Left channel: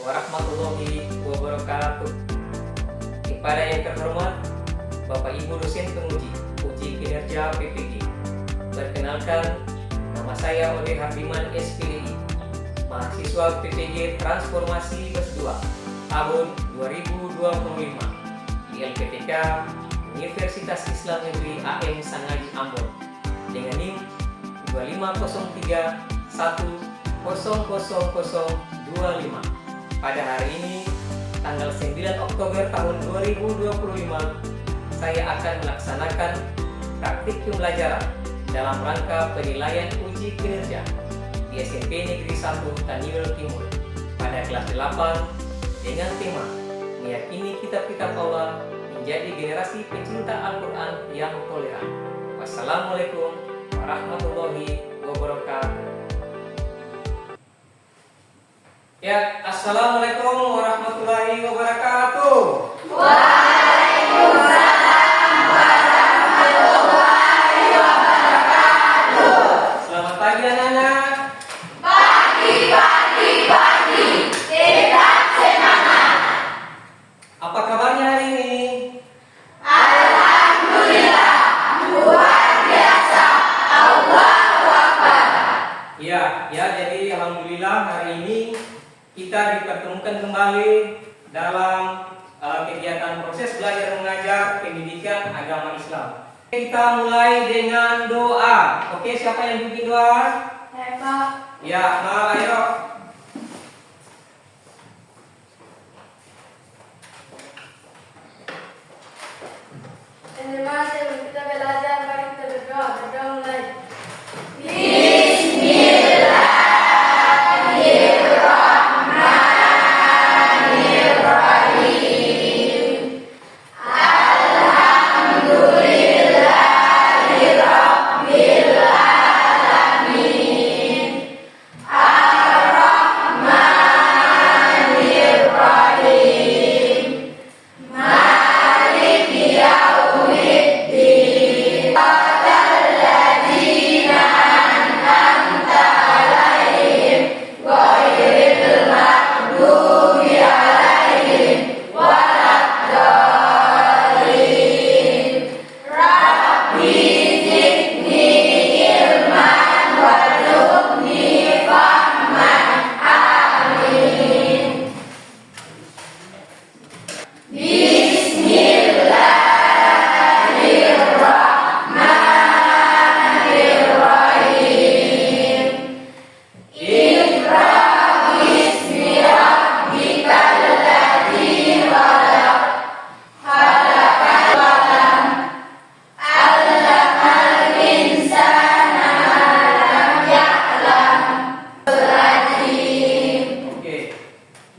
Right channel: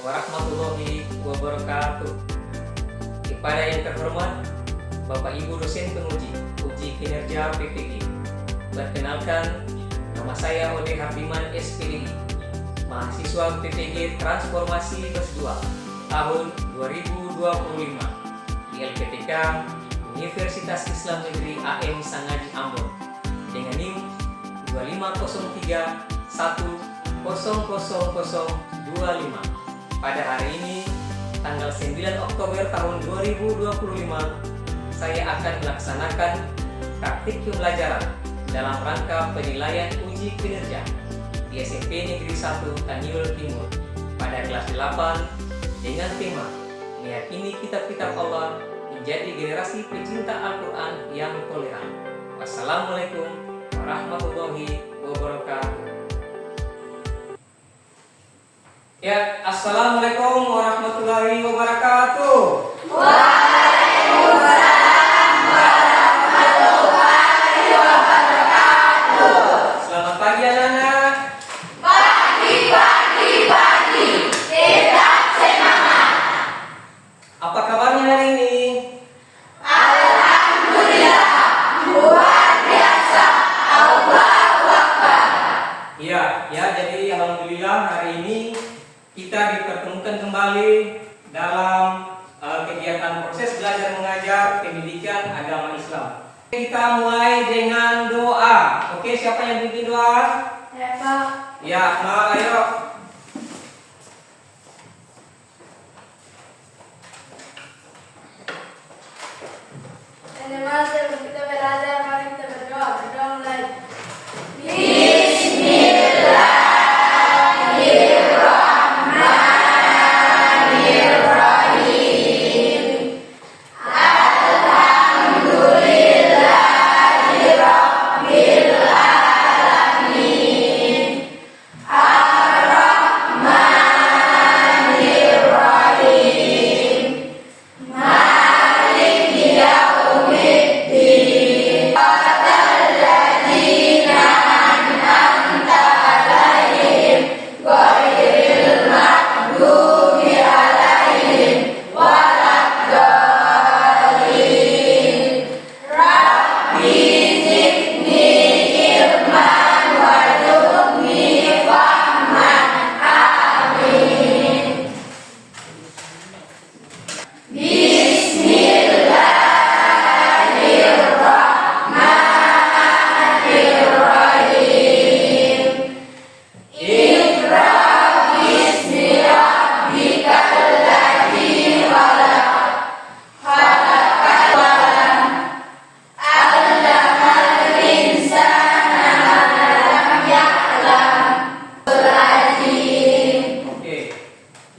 warahmatullahi wabarakatuh. Kepada yang terhormat Bapak Ibu dosen penguji uji kinerja PPG. Perkenalkan, nama saya Ode Hardiman SPDI, mahasiswa PPG Transformasi Kelas 2 tahun 2025 di LPTK Universitas Islam Negeri AM Sangaji Ambon dengan NIM 2503100025. Pada hari ini, tanggal 9 Oktober tahun 2025, saya akan melaksanakan praktik pembelajaran dalam rangka penilaian uji kinerja di SMP Negeri 1 Taniul Timur pada kelas 8 dengan tema meyakini kitab-kitab Allah menjadi generasi pecinta Al-Quran yang toleran. Wassalamualaikum warahmatullahi wabarakatuh. Ya, assalamualaikum warahmatullahi wabarakatuh. Waalaikumsalam warahmatullahi wabarakatuh. Selamat pagi anak-anak. Pagi. Tetap semangat. Apa kabarnya hari ini? Alhamdulillah, luar biasa. Allahu Akbar. Ya, jadi alhamdulillah hari ini kita dipertemukan kembali dalam kegiatan proses belajar mengajar pendidikan agama Islam. Kita mulai dengan doa. Oke, siapa yang bimbing doa? Ya, ayo. Teman-teman, sebelum kita belajar, mari kita berdoa. Berdoa mulai.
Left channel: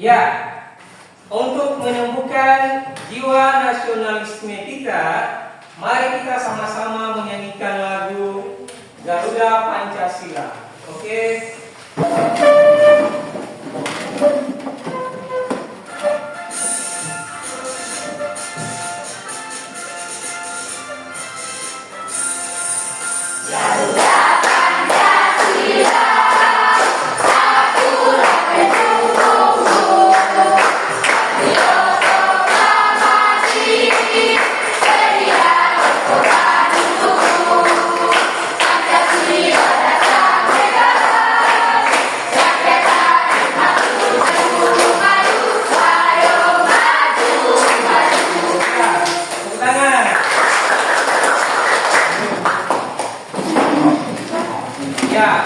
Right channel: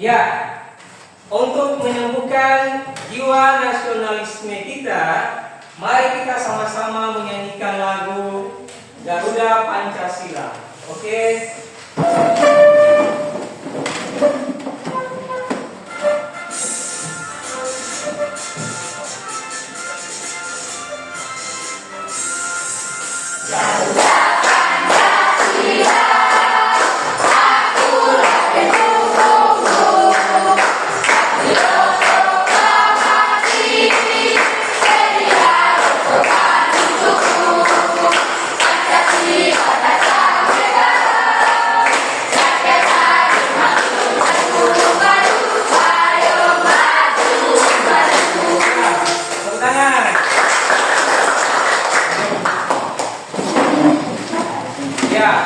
Ya, untuk menyembuhkan jiwa nasionalisme kita, mari kita sama-sama menyanyikan lagu Garuda Pancasila. Oke.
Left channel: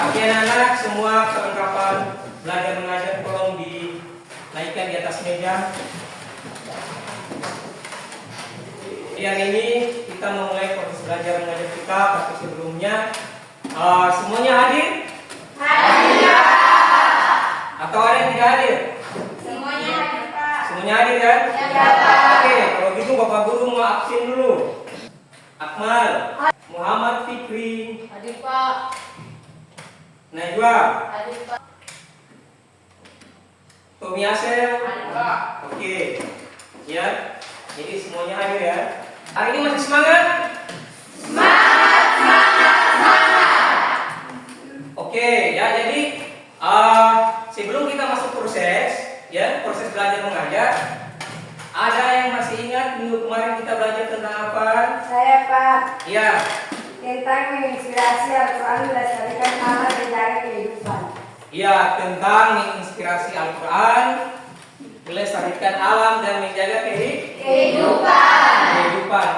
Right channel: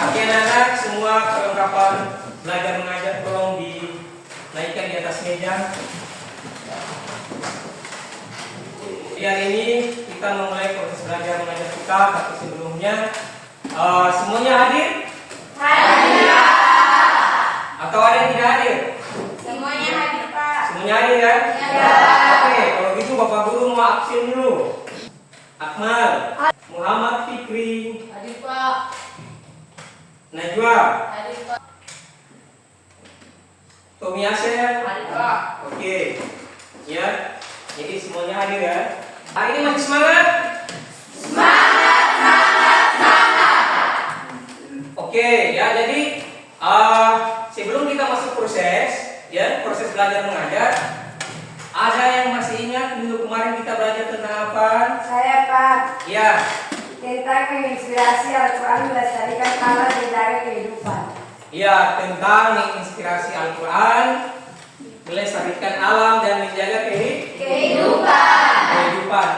Oke anak-anak, semua perlengkapan belajar mengajar tolong dinaikkan di atas meja. Di hari ini kita memulai proses belajar mengajar kita seperti sebelumnya. Semuanya hadir? Hadir. Atau ada yang tidak hadir? Semuanya hadir, Pak. Semuanya hadir kan? Ya. Oke, kalau gitu Bapak Guru mau absen dulu. Akmal, Muhammad Fikri, Hadir, Pak. Najwa, Hadir, Pak. Tommy Asep. Hadir, Pak. Oke, ya. Jadi semuanya hadir ya. Hari ini masih semangat? Oke, ya. Jadi sebelum kita masuk proses, ya proses belajar mengajar. Ada yang masih ingat minggu kemarin kita belajar tentang apa? Saya Pak. Ya, Tentang menginspirasi Al-Quran melestarikan alam menjaga kehidupan. ya tentang menginspirasi Al-Quran, melestarikan alam dan menjaga kehidupan.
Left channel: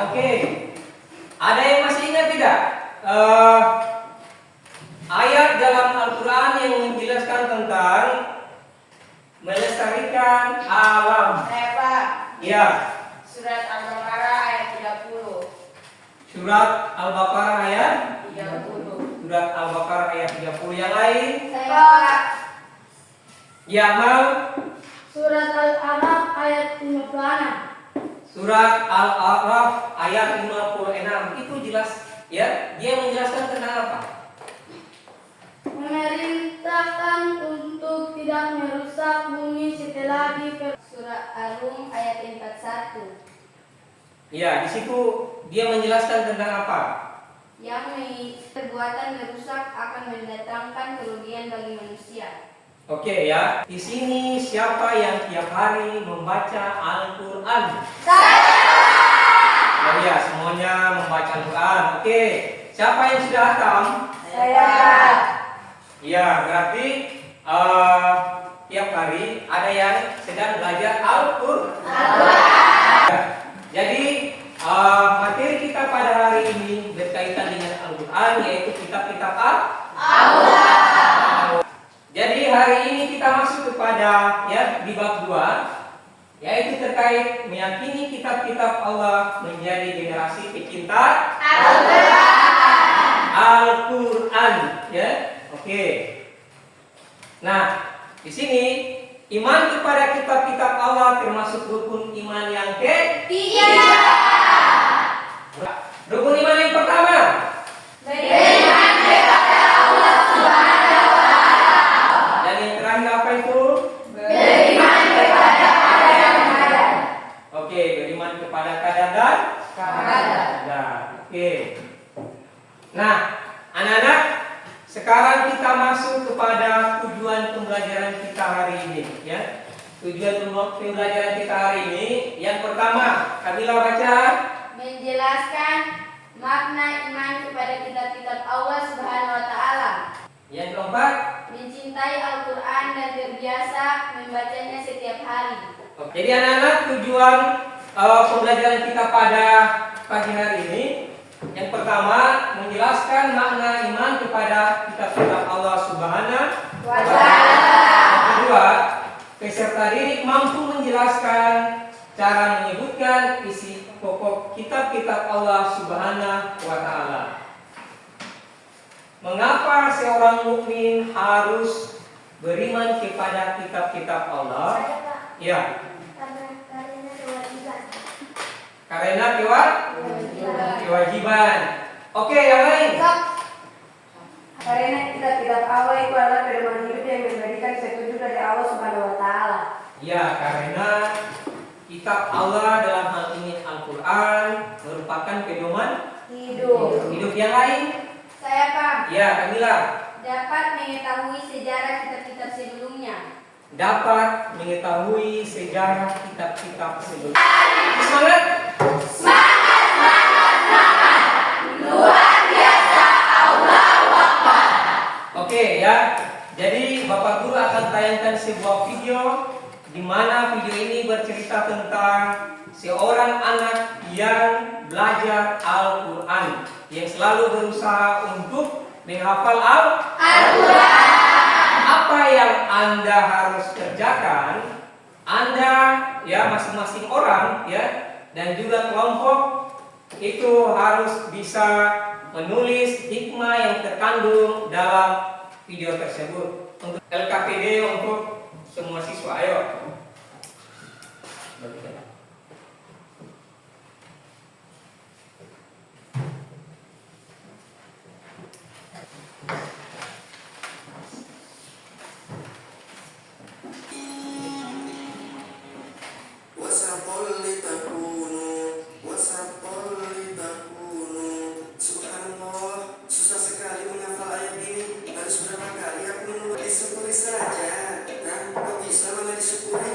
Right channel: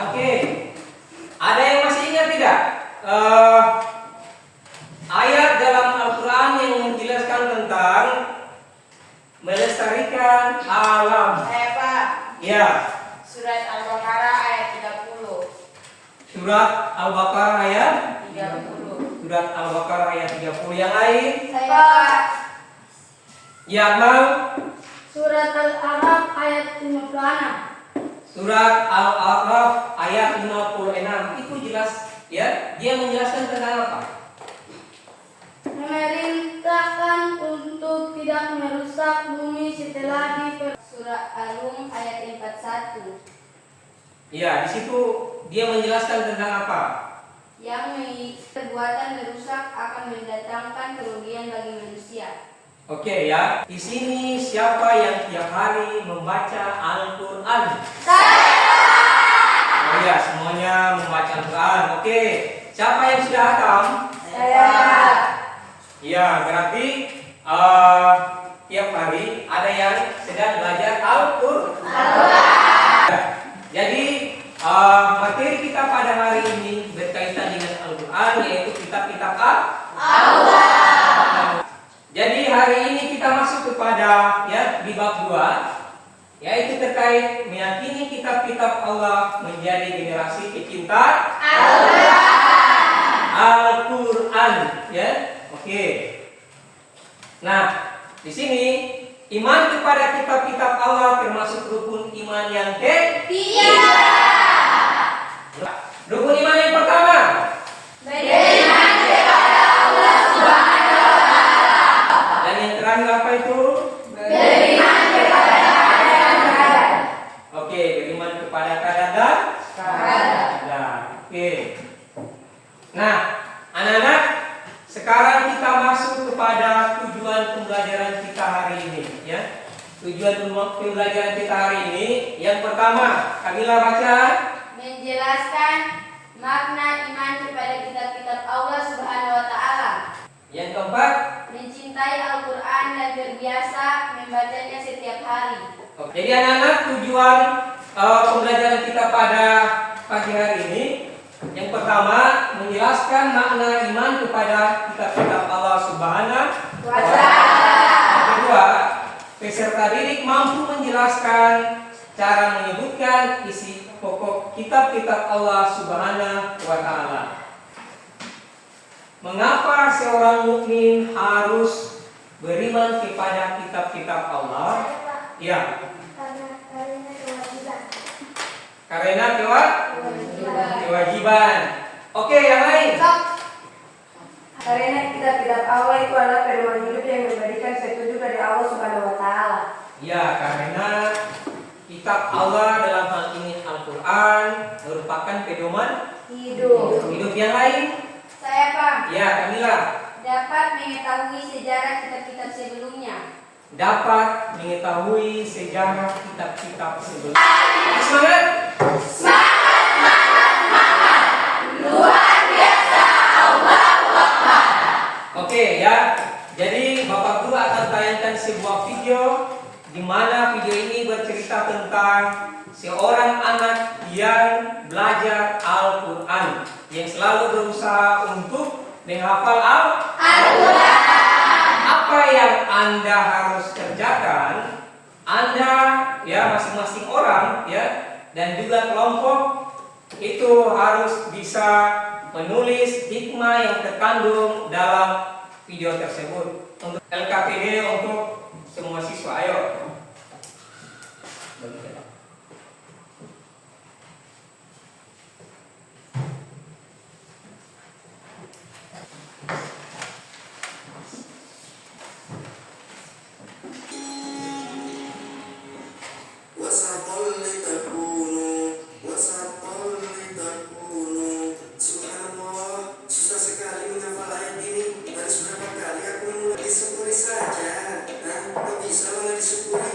Oke. Ada yang masih ingat tidak? Ayat dalam Al-Quran yang menjelaskan tentang melestarikan alam. Saya Pak. Ya, Surat Al-Baqarah ayat 30. surat Al-Baqarah ayat 30. Surat Al-Baqarah ayat 30. Yang lain? Saya Pak. Ya, Mal. Surat Al-Araf ayat 56. Surat Al-A'raf ayat 56. Itu jelas ya, dia menjelaskan tentang apa? Memerintahkan untuk tidak merusak bumi setelah Surat Ar-Rum ayat 41. Ya, di situ dia menjelaskan tentang apa? Yang perbuatan merusak akan mendatangkan kerugian bagi manusia. Oke ya, di sini siapa yang tiap hari membaca Al-Quran? Oh ya, semuanya membaca Al-Quran. Oke, siapa yang sudah hatam? Saya Pak. Ya, berarti tiap hari ada yang sedang belajar Al-Quran. Jadi materi kita pada hari ini berkaitan dengan Al-Quran, yaitu kitab-kitab Allah. Jadi hari ini kita masuk kepada ya di bab 2, yaitu terkait meyakini kitab-kitab Allah menjadi generasi pecinta Al-Quran, ya. Oke. Nah, di sini iman kepada kitab-kitab Allah termasuk rukun iman yang ketiga. Rukun iman yang pertama, Beriman kepada Allah Subhanahu wa Ta'ala. dan yang terakhir apa itu? Beriman kepada qadar dan qadar. Oke, beriman kepada qadar dan Qadar. Oke. Nah, anak-anak, sekarang kita masuk kepada tujuan pembelajaran kita hari ini, ya. Tujuan pembelajaran kita hari ini, yang pertama, Kamila baca. Menjelaskan makna iman kepada kitab-kitab Allah Subhanahu wa Ta'ala. Yang keempat, Mencintai Al-Quran dan terbiasa membacanya setiap hari. jadi anak-anak, tujuan pembelajaran kita pada pagi hari ini, yang pertama, menjelaskan makna iman kepada kitab-kitab Allah Subhanahu wa Ta'ala. Yang kedua, peserta didik mampu menjelaskan cara menyebutkan isi pokok kitab-kitab Allah Subhanahu wa Ta'ala. Mengapa seorang mukmin harus beriman kepada kitab-kitab Allah? Ya, karena kewajiban. Oke, yang lain. Karena kitab-kitab Allah itu adalah pedoman hidup yang memberikan petunjuk dari Allah Subhanahu wa Ta'ala. Ya, karena kitab Allah dalam hal ini Al-Quran merupakan pedoman hidup. Yang lain? Saya Pak. Ya, Kamila. Dapat mengetahui sejarah kitab-kitab sebelumnya. Dapat mengetahui sejarah kitab-kitab sebelumnya. Semangat! Luar biasa, Allahu Akbar. Oke ya. Jadi Bapak Guru akan tayangkan sebuah video di mana video ini bercerita tentang seorang anak yang belajar Al-Quran, yang selalu berusaha untuk menghafal Al-Quran. Apa yang Anda harus kerjakan, Anda ya masing-masing orang ya dan juga kelompok itu harus bisa menulis hikmah yang terkandung dalam video tersebut. Untuk LKPD untuk semua siswa, ayo. Subhanallah, susah sekali menghafal ayat ini. Harus berapa kali aku mengulang? Disyukuri saja. Nah, kok bisa malah disyukuri?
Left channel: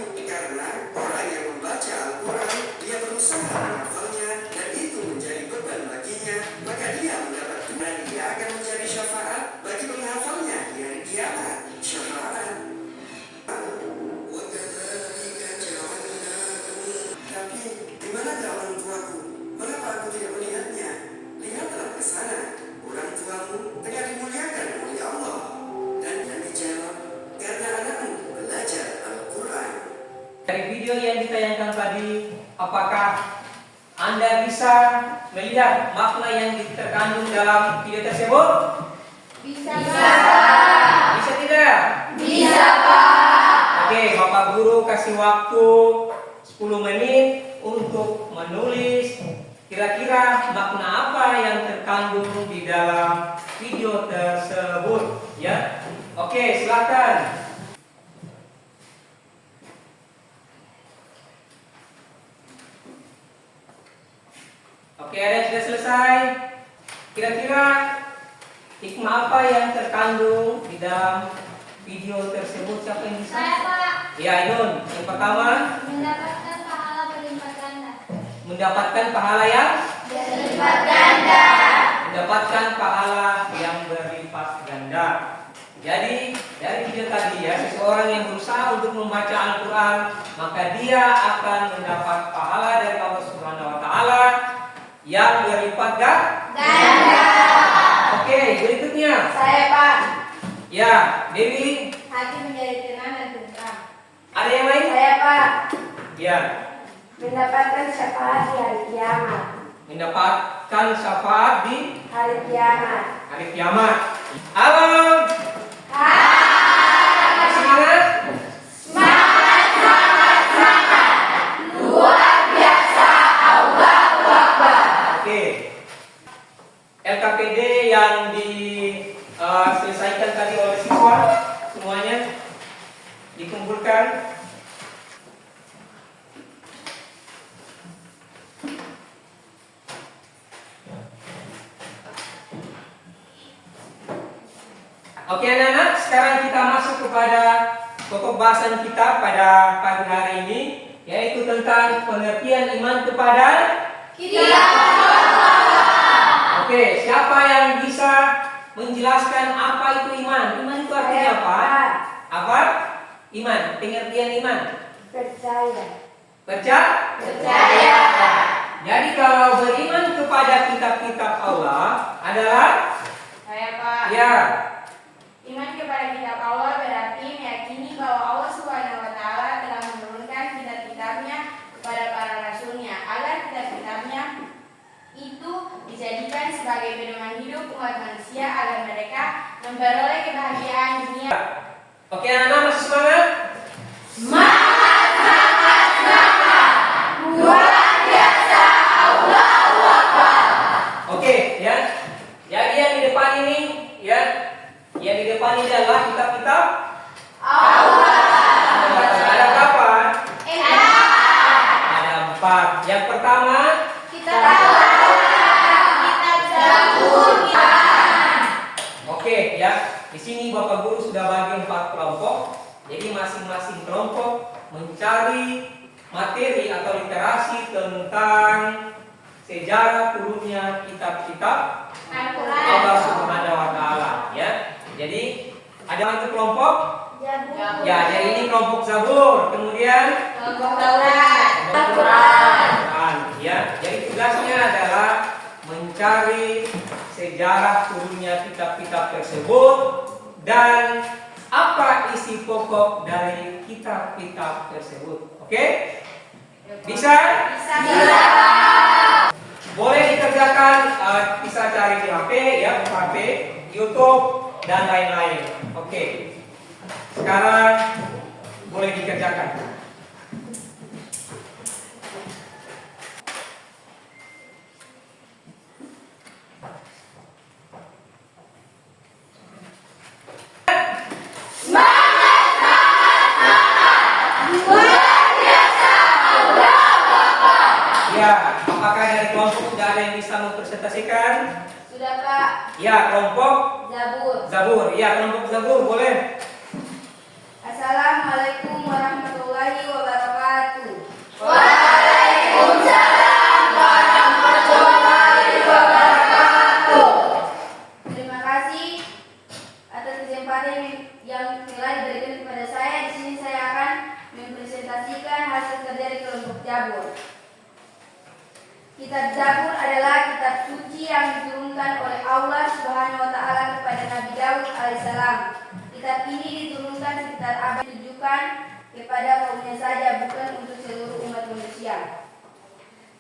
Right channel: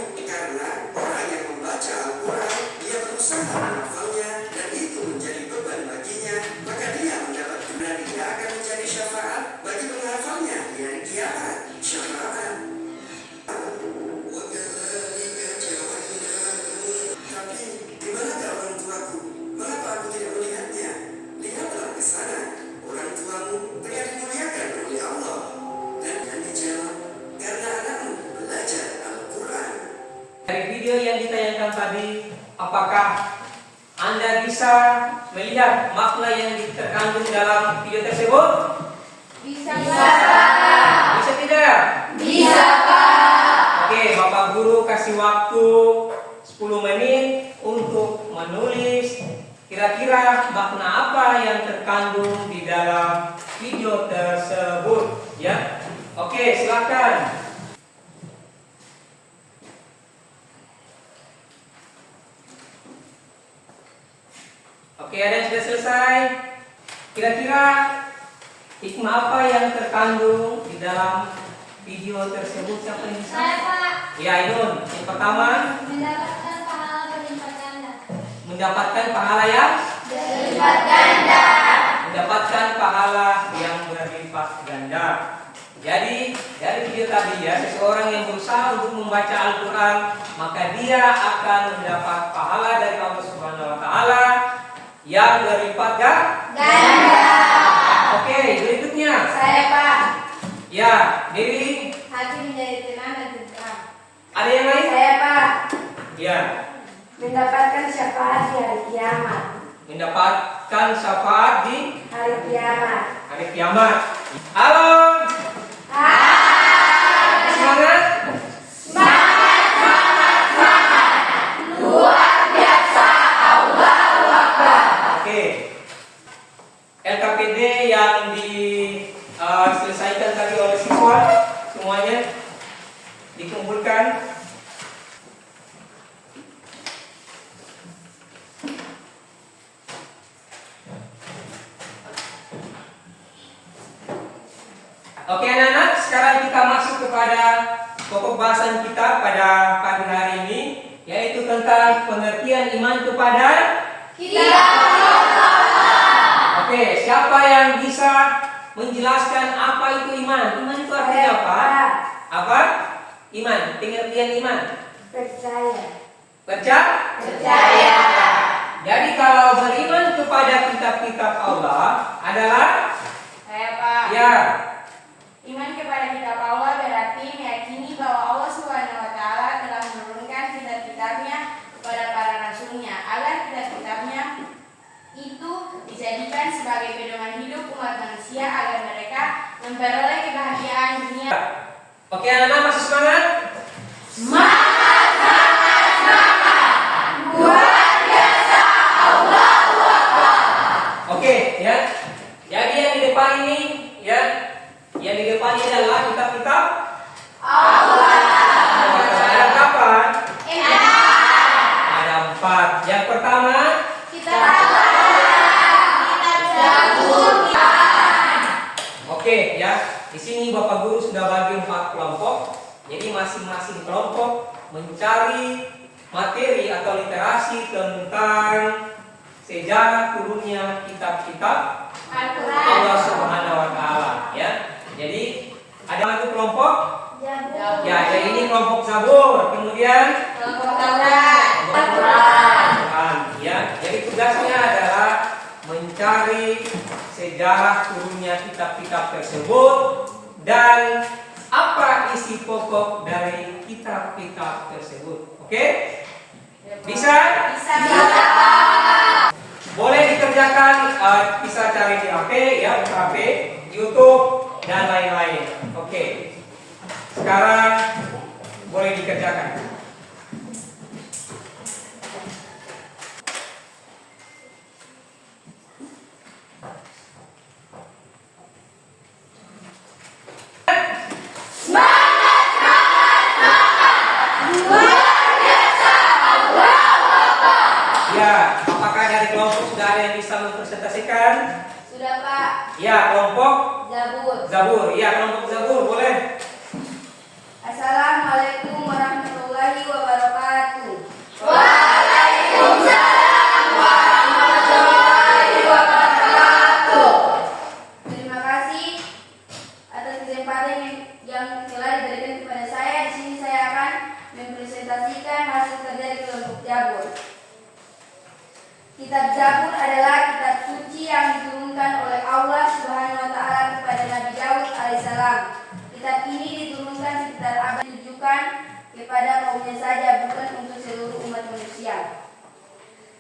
video yang ditayangkan tadi, apakah Anda bisa melihat makna yang terkandung dalam video tersebut? Bisa. Bisa tidak? Bisa, Pak. Oke, Bapak Guru kasih waktu 10 menit untuk menulis kira-kira makna apa yang terkandung di dalam video tersebut, ya. Oke, silakan. Oke, ada yang sudah selesai. Kira-kira hikmah apa yang terkandung di dalam video tersebut? Siapa yang bisa? Saya, Pak. Ya, Ainun. Yang pertama, Mendapatkan pahala berlipat ganda. mendapatkan pahala yang Berlipat ganda. mendapatkan pahala yang berlipat ganda. Jadi dari video tadi ya, seseorang yang berusaha untuk membaca Al-Quran, maka dia akan mendapat pahala dari Allah Subhanahu Wa Taala yang berlipat Ganda. Oke, berikutnya. Saya, Pak. Ya, Dewi. Hati menjadi tenang dan tentram. Ada yang lain? Saya, Pak. Ya, Mendapatkan syafaat di hari kiamat. mendapatkan syafaat di Hari kiamat. hari kiamat. Halo. Semangat. Luar biasa. Allahu Akbar. Oke. LKPD yang diselesaikan tadi oleh siswa semuanya dikumpulkan. Oke anak-anak, sekarang kita masuk kepada pokok bahasan kita pada pagi hari ini, yaitu tentang pengertian iman kepada. Oke, siapa yang bisa menjelaskan apa itu iman? Iman itu artinya apa? Apa? Iman, pengertian iman. Percaya. Percaya? Jadi kalau beriman kepada kitab-kitab Allah adalah Saya, Pak. ya, Iman kepada kitab Allah berarti meyakini bahwa Allah Subhanahu wa Ta'ala telah menurunkan kitab-kitabnya kepada para rasulnya agar kitab-kitabnya itu dijadikan sebagai pedoman hidup umat manusia agar mereka memperoleh kebahagiaan dunia. oke anak-anak masih semangat? Luar biasa. Allahu Akbar. Oke ya. Jadi yang di depan ini ya, yang di depan ini adalah kitab-kitab Allah. Ada berapa? Ada. Ada 4. Yang pertama, Kitab Allah. Kitab Zabur. oke ya. Di sini Bapak Guru sudah bagi 4 kelompok. Jadi masing-masing kelompok mencari materi atau literasi tentang sejarah turunnya kitab-kitab Al-Quran. Allah Subhanahu Wa Taala ya. Jadi ada satu kelompok Zabur. ya, jadi ini kelompok Zabur, kemudian Kelompok Taurat. Al-Quran ya. Jadi tugasnya adalah mencari sejarah turunnya kitab-kitab tersebut dan apa isi pokok dari kitab-kitab tersebut. Oke? Bisa? Bisa. Boleh dikerjakan, bisa cari di HP ya, HP, YouTube dan lain-lain. Oke. Sekarang boleh dikerjakan. Ya, apakah dari kelompok sudah ada yang bisa mempresentasikan? Sudah, Pak. Ya, kelompok Zabur. Zabur. Ya, kelompok Zabur boleh. Assalamualaikum warahmatullahi wabarakatuh. Waalaikumsalam warahmatullahi wabarakatuh. Terima kasih atas kesempatan yang telah diberikan kepada saya. Di sini saya akan mempresentasikan hasil kerja di kelompok Zabur. Kitab Zabur adalah kitab suci yang diturunkan oleh Allah Subhanahu wa Ta'ala kepada Nabi Daud alaihissalam. Kitab ini diturunkan sekitar abad ditujukan kepada kaumnya saja, bukan untuk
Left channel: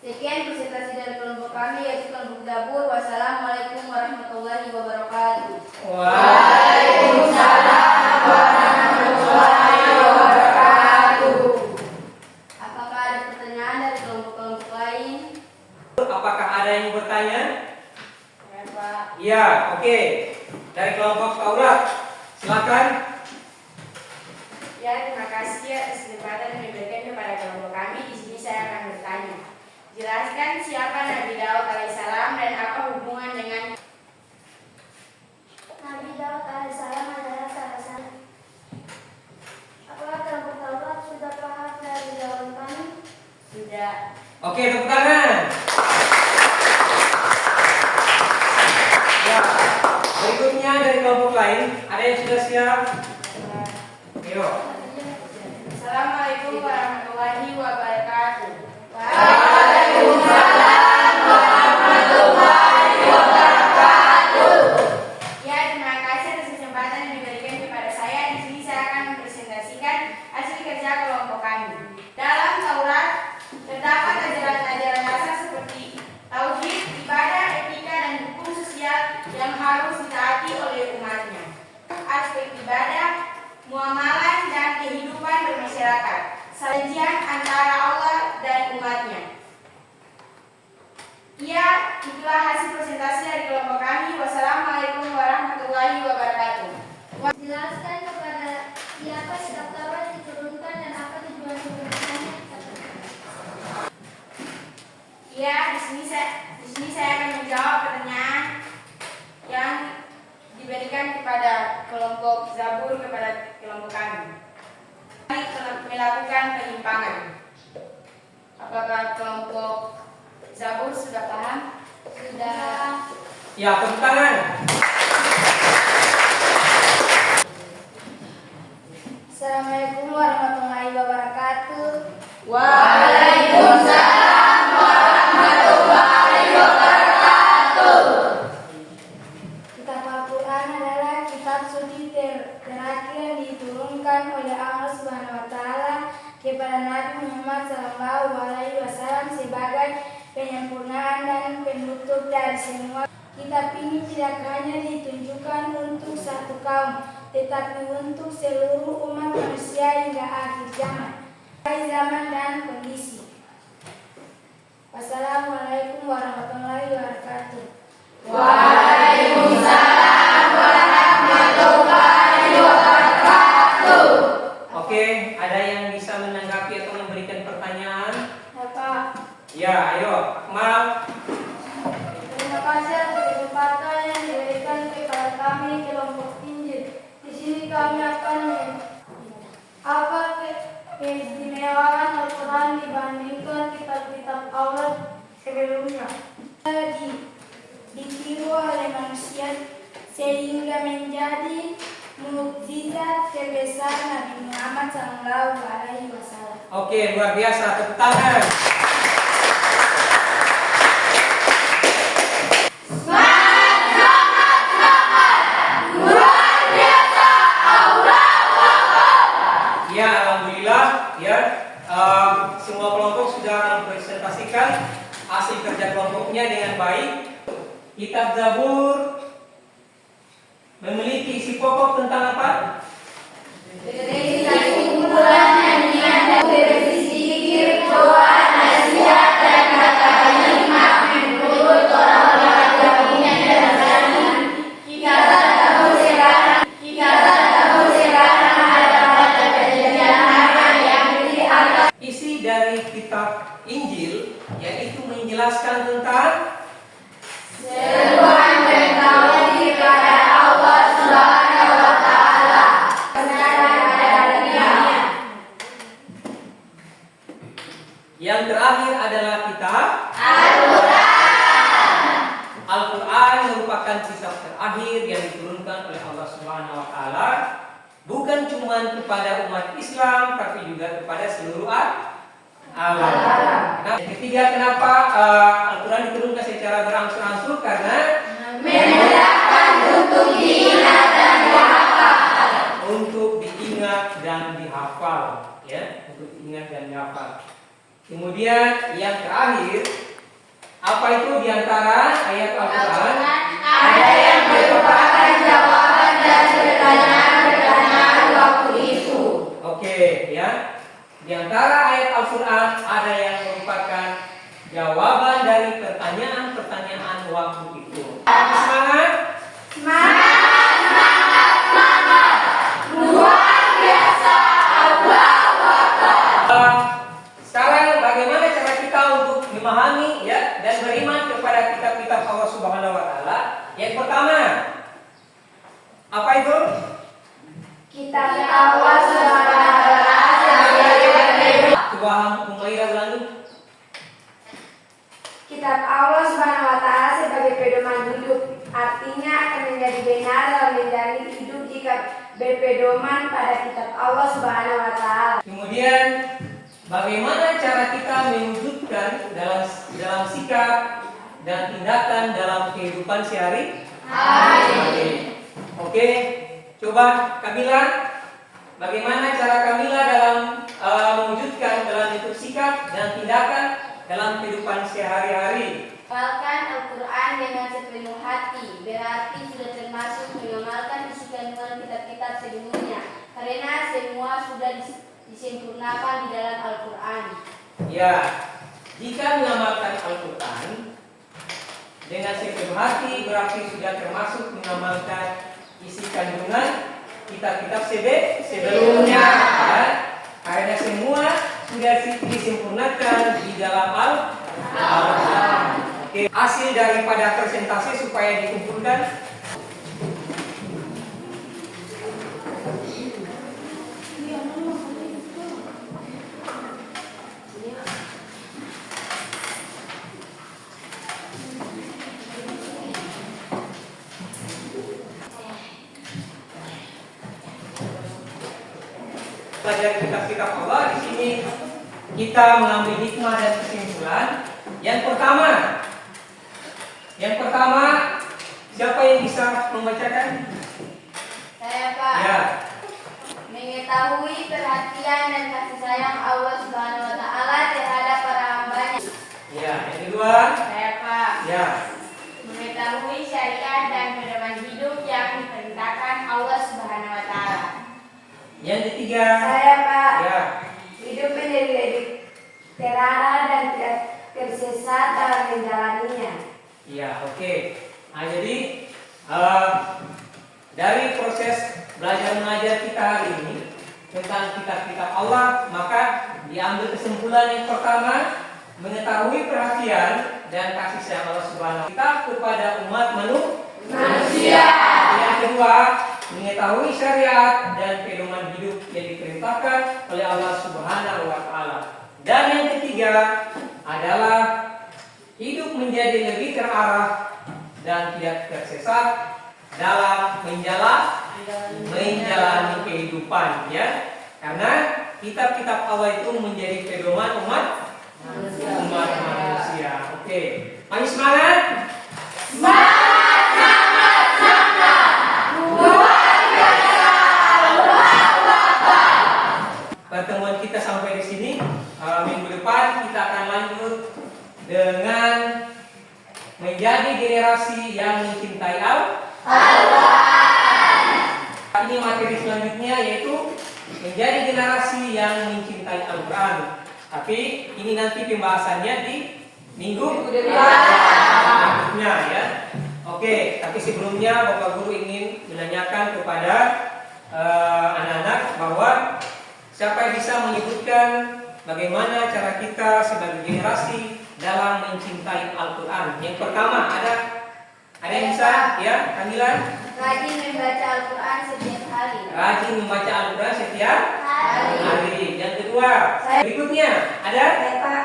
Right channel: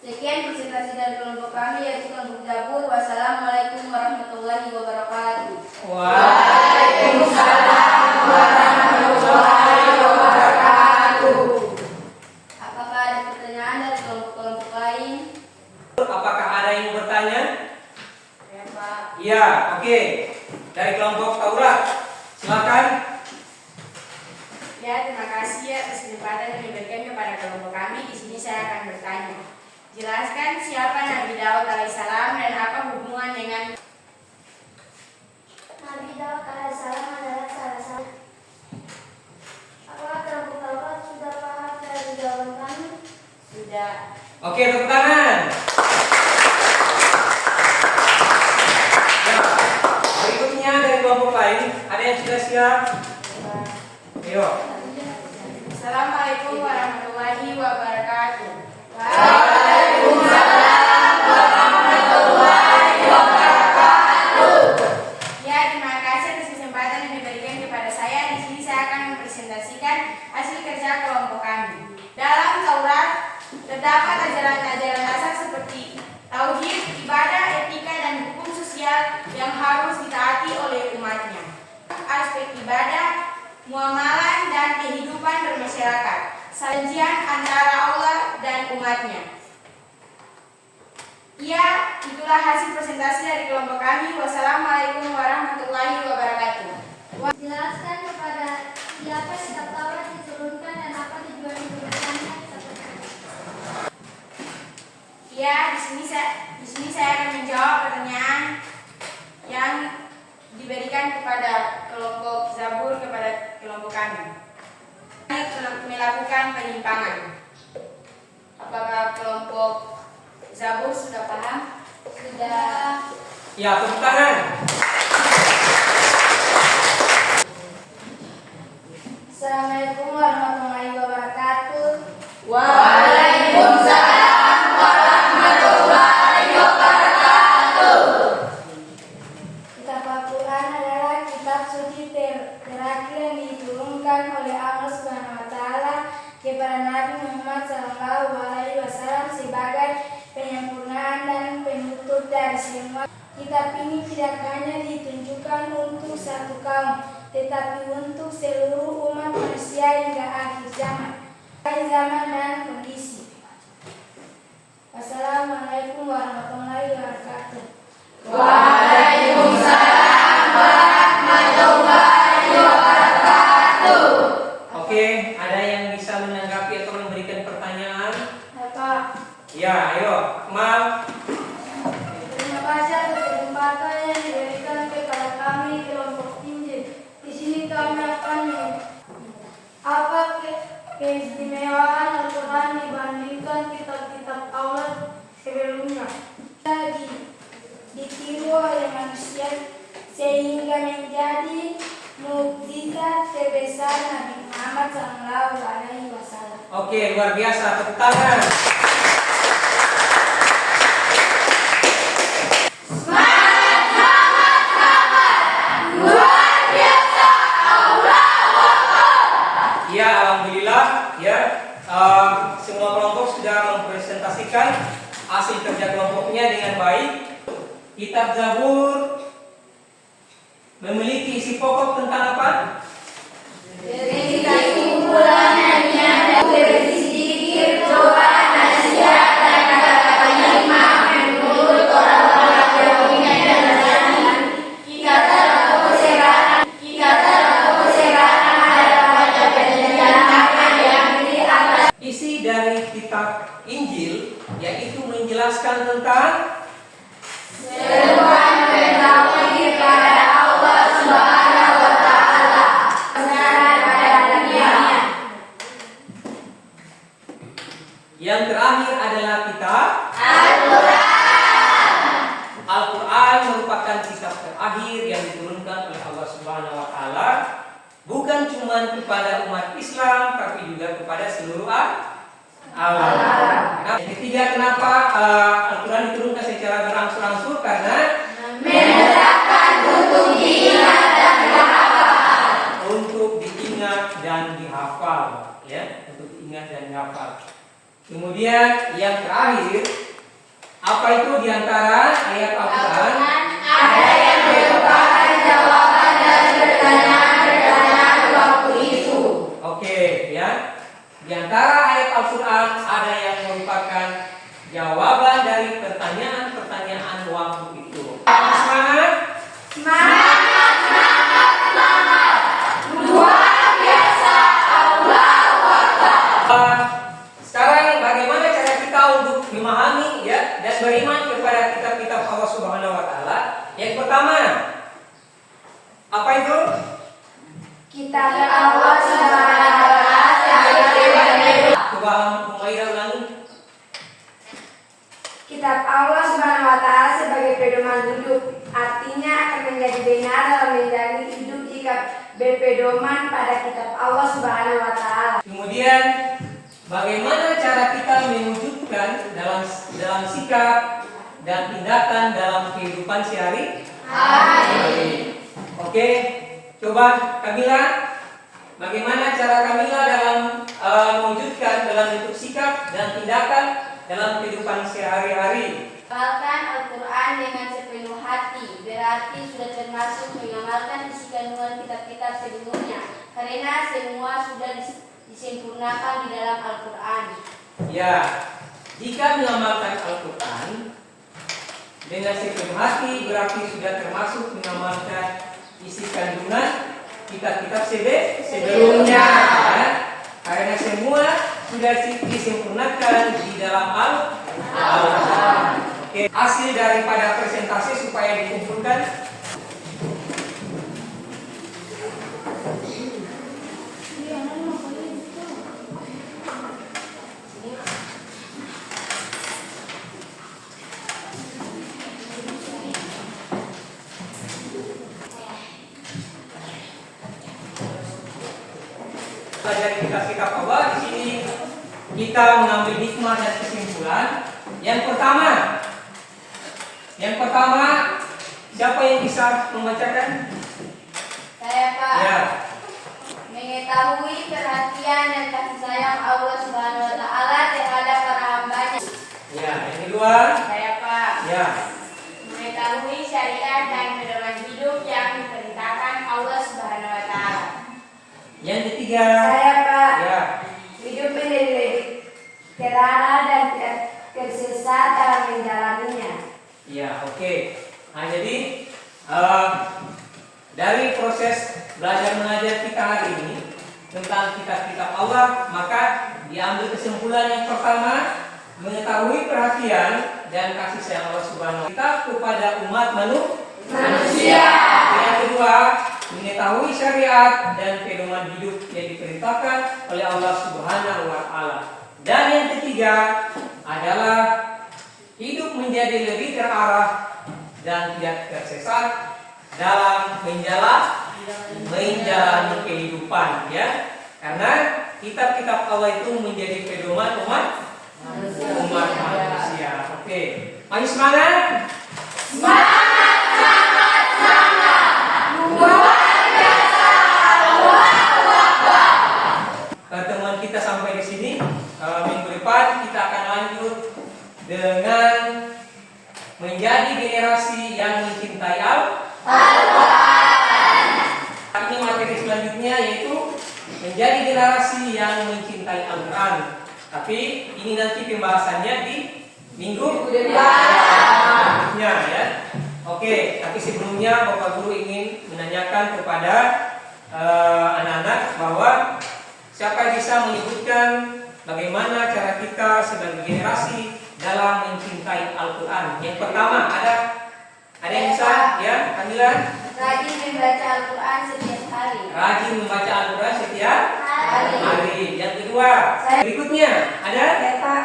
Sekian presentasi dari kelompok kami yaitu kelompok Zabur. Wassalamualaikum warahmatullahi wabarakatuh. Waalaikumsalam warahmatullahi wabarakatuh. Apakah ada pertanyaan dari kelompok-kelompok lain? Apakah ada yang bertanya? Ya, Pak. Ya, oke. Dari kelompok Taurat, silakan. Ya, terima kasih atas kesempatan yang diberikan kepada kelompok kami. Di sini saya akan bertanya. Jelaskan siapa Nabi Daud alaihissalam dan apa hubungan dengan Nabi Daud alaihissalam adalah salah satu. Apakah kelompok Taurat sudah paham dari jawaban kami? sudah? Oke, tepuk tangan. Ya, berikutnya dari kelompok lain, ada yang sudah siap? Ayo. Assalamualaikum warahmatullahi wabarakatuh. Waalaikumsalam warahmatullahi wabarakatuh. Ya, terima kasih atas kesempatan yang diberikan kepada saya. Di sini saya akan mempresentasikan hasil kerja kelompok kami. Dalam Taurat terdapat ajaran-ajaran dasar seperti tauhid, ibadah, etika, dan hukum sosial yang harus ditaati oleh umatnya. Aspek ibadah, muamalah, dan kehidupan bermasyarakat, sajian antara Allah dan umatnya. Ya, itulah hasil presentasi dari kelompok kami. Wassalamualaikum warahmatullahi wabarakatuh. Jelaskan kepada siapa kitab Taurat diturunkan dan apa tujuan diberikannya kitab Taurat. Ya, di sini saya akan menjawab pertanyaan yang diberikan kepada kelompok Zabur kepada kelompok kami. Melakukan penyimpangan. Apakah kelompok Zabur sudah paham? Sudah. Ya, tepuk tangan. Assalamualaikum warahmatullahi wabarakatuh. Waalaikumsalam warahmatullahi wabarakatuh. Kitab Al-Quran adalah kitab suci terakhir yang diturunkan oleh Allah Subhanahu wa Ta'ala kepada Nabi Muhammad SAW sebagai penyempurnaan dan penutup dari semua. Kitab ini tidak hanya ditunjukkan untuk satu kaum, tetapi untuk seluruh umat manusia hingga akhir zaman dan kondisi. Wassalamualaikum warahmatullahi wabarakatuh. Waalaikumsalam warahmatullahi wabarakatuh. Oke, ada yang bisa menanggapi atau memberikan pertanyaan? Bapak, Ya, ayo, Akmal. terima kasih atas kesempatan yang diberikan kepada kami kelompok Injil. Di sini kami akan apa keistimewaan Al-Quran dibandingkan kitab-kitab Taurat sebelumnya. Ditiru oleh manusia sehingga menjadi mukjizat terbesar Nabi Muhammad SAW. Oke, luar biasa. Tepuk tangan. Ya, alhamdulillah. Ya, semua kelompok sudah mempresentasikan hasil kerja kelompoknya dengan baik. Kitab Zabur memiliki isi pokok tentang apa? Berisi kumpulan nyanyian, berisi zikir, doa, nasihat, dan kata-kata hikmah menurut orang-orang yang punya keberanian. Kita tahu sekarang ada pada kejadian mana yang diangkat. Isi dari kitab Injil yaitu menjelaskan tentang Seruan bertauhid kepada Allah Subhanahu wa Ta'ala. Kebenaran pada dirinya. yang terakhir adalah kitab Al-Quran. Al-Quran merupakan kitab terakhir yang diturunkan oleh Allah Subhanahu wa Ta'ala, bukan cuma kepada umat Islam tapi juga kepada seluruh alam. Nah, yang ketiga, kenapa Al-Quran diturunkan secara berangsur-angsur? Karena Menetapkan untuk diingat dan dihafal. untuk diingat dan dihafal, ya, untuk diingat dan dihafal. Kemudian yang terakhir, apa itu di antara ayat Al-Quran? Ada yang merupakan jawaban dari pertanyaan-pertanyaan waktu itu. Oke, ya. Di antara ayat Al-Quran ada yang merupakan jawaban dari pertanyaan-pertanyaan waktu itu. Semangat? Semangat, semangat, semangat. Luar biasa, Allahu Akbar. Sekarang bagaimana cara kita untuk memahami ya dan beriman kepada kitab-kitab Allah Subhanahu wa taala? Yang pertama, apa itu? Kitab Allah Subhanahu wa taala. Coba Umairah ulangi. Kitab Allah Subhanahu wa taala sebagai pedoman hidup, artinya akan menjadi benar dalam menjalani hidup jika berpedoman pada kitab Allah Subhanahu wa taala. Kemudian bagaimana cara kita mewujudkan dalam sikap dan tindakan dalam kehidupan sehari-hari? Oke, coba Kamila, bagaimana cara Kamila dalam mewujudkan dalam bentuk sikap dan tindakan dalam kehidupan sehari-hari? Mengamalkan Al-Quran dengan sepenuh hati berarti sudah termasuk mengamalkan isi kandungan kitab-kitab sebelumnya, karena semua sudah disempurnakan di dalam Al-Quran. Ya, jika mengamalkan Al-Quran dengan sepenuh hati berarti sudah termasuk mengamalkan isi kandungan kitab-kitab sebelumnya, ya. Karena semua sudah disempurnakan di dalam Al-Quran. Oke, hasil daripada presentasi supaya dikumpulkan. Belajar kitab-kitab Allah di sini kita mengambil hikmah dan kesimpulan. Yang pertama, siapa yang bisa membacakan? Saya Pak. Ya. Mengetahui perhatian dan kasih sayang Allah Subhanahu wa taala terhadap para hambanya. Ya, yang kedua. Saya Pak. Ya. Mengetahui syariat dan pedoman hidup yang diperintahkan Allah Subhanahu wa taala. Yang ketiga. Saya Pak, Ya. hidup menjadi lebih terarah dan tidak tersesat dalam menjalaninya. Ya, oke. Nah, jadi dari proses belajar mengajar kita hari ini tentang kitab-kitab Allah, maka diambil kesimpulan yang pertama, mengetahui perhatian dan kasih sayang Allah Subhanahu wa taala kepada umat manusia. Yang kedua, mengetahui syariat dan pedoman hidup yang diperintahkan oleh Allah Subhanahu wa taala. Dan yang ketiga adalah hidup menjadi lebih terarah dan tidak tersesat dalam menjalani kehidupan, ya. Karena kitab-kitab Allah itu menjadi pedoman umat manusia. Oke. Ayo semangat. Semangat, semangat, semangat. Luar biasa, Allahu Akbar. Pertemuan kita sampai di sini. Minggu depan kita akan lanjut dengan menjadi generasi yang mencintai Al-Quran. Ini materi selanjutnya yaitu menjadi generasi yang mencintai Al-Quran. Tapi ini nanti pembahasannya di minggu berikutnya, ya. Oke, tapi sebelumnya Bapak Guru ingin menanyakan kepada anak-anak bahwa siapa yang bisa menyebutkan bagaimana cara kita sebagai generasi dalam mencintai Al-Quran. Yang pertama, ada yang bisa? Ya, Kamila? Rajin membaca Al-Quran setiap hari. Rajin membaca Al-Quran setiap Hari. hari. Yang kedua, berikutnya ada? Ya Pak,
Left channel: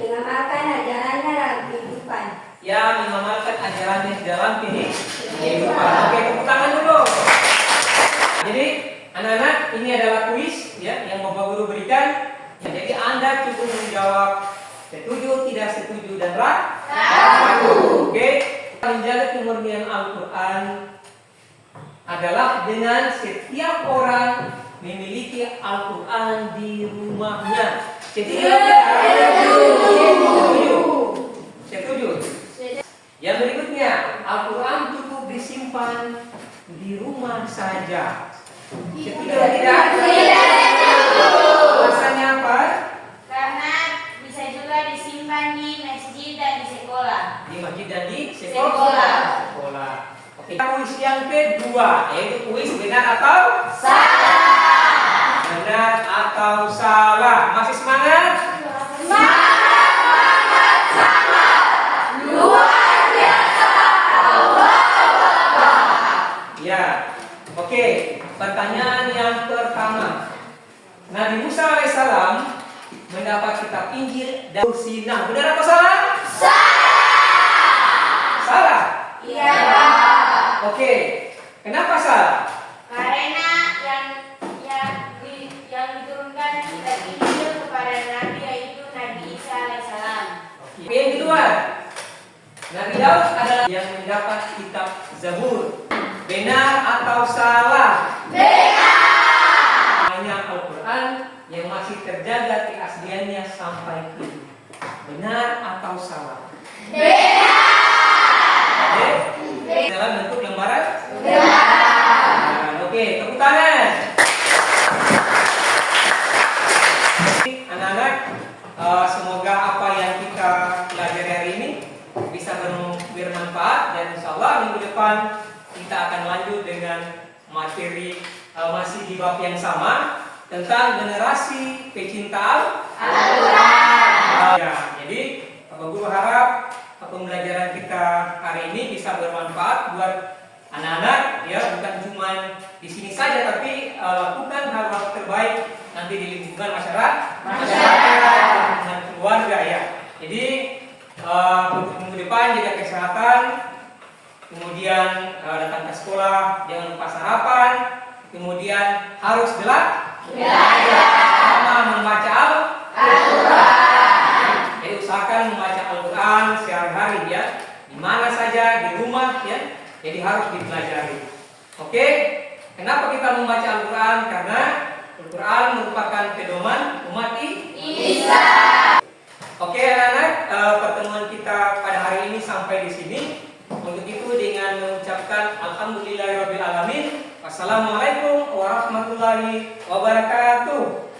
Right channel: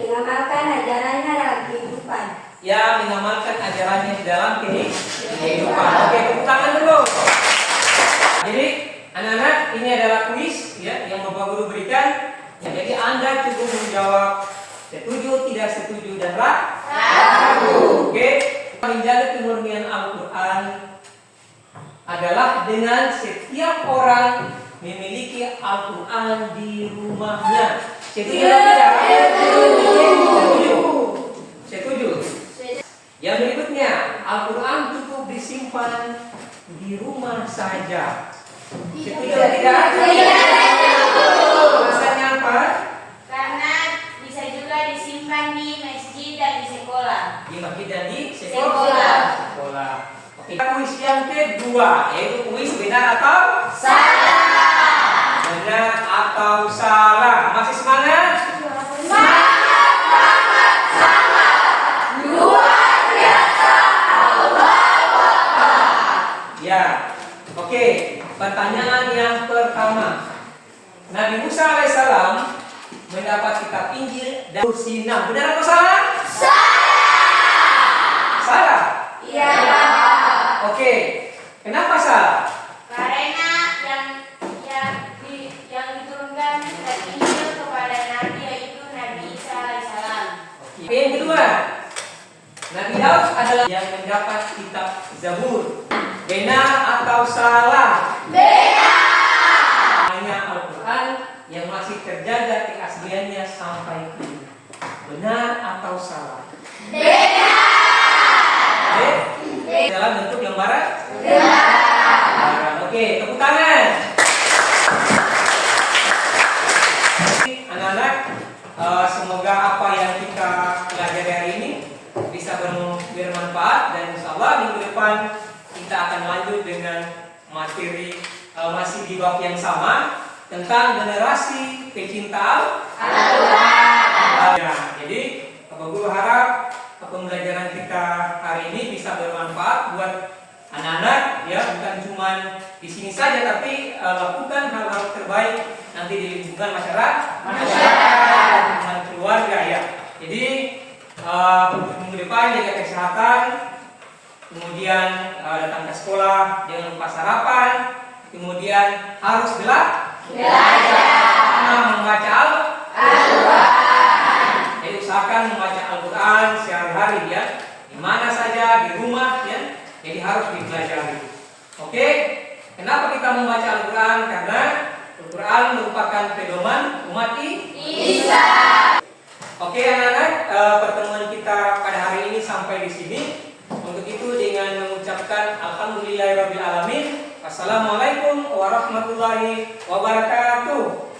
mengamalkan ajarannya dalam kehidupan. Ya, mengamalkan ajarannya di dalam kehidupan. Oke, tepuk tangan dulu. Jadi, anak-anak, ini adalah kuis ya yang Bapak Guru berikan. Ya, jadi Anda cukup menjawab setuju, tidak setuju, dan ragu. Oke, menjaga kemurnian Al-Quran adalah dengan setiap orang memiliki Al-Quran di rumahnya. Jadi rumah saja. Setuju tidak? Alasannya apa? Karena bisa juga disimpan di masjid dan di sekolah. Di masjid dan di Sekolah. sekolah. Oke. Kuis yang kedua, yaitu kuis benar atau Salah. benar atau salah. Masih semangat? Ya, oke. Pertanyaan yang pertama, Nabi Musa alaihissalam mendapat kitab Injil dan Sinah. Benar atau salah? Salah. Iya. Oke. Kenapa salah? Karena yang diturunkan kitab Injil kepada Nabi yaitu Nabi Isa alaihissalam. Oke. Yang kedua, Nabi Daud adalah yang mendapat kitab Zabur. Benar atau salah? Hanya Al-Quran yang masih terjaga keasliannya sampai kini. Benar atau salah? Oke. Dalam bentuk yang barat? Oke, tepuk tangan. Anak-anak, semoga apa yang kita pelajari hari ini bisa bermanfaat, dan insya Allah minggu depan kita akan lanjut dengan materi masih di bab yang sama tentang generasi pecinta Al-Quran. Ya, jadi Bapak Guru harap pembelajaran kita hari ini bisa bermanfaat buat anak-anak, ya, bukan cuma di sini saja, tapi lakukan hal-hal terbaik nanti di lingkungan masyarakat, dengan keluarga, ya. Jadi untuk minggu depan jaga kesehatan, kemudian datang ke sekolah jangan lupa sarapan, kemudian harus belajar karena membaca Al-Quran. Jadi usahakan membaca Al-Quran sehari-hari, ya, di mana saja, di rumah, ya. Jadi harus dipelajari. Oke, kenapa kita membaca Al-Quran? Karena Al-Quran merupakan pedoman umat Islam. Oke anak-anak, pertemuan kita pada hari ini sampai di sini. Untuk itu dengan mengucapkan Alhamdulillahirabbil alamin. Wassalamualaikum warahmatullahi wabarakatuh.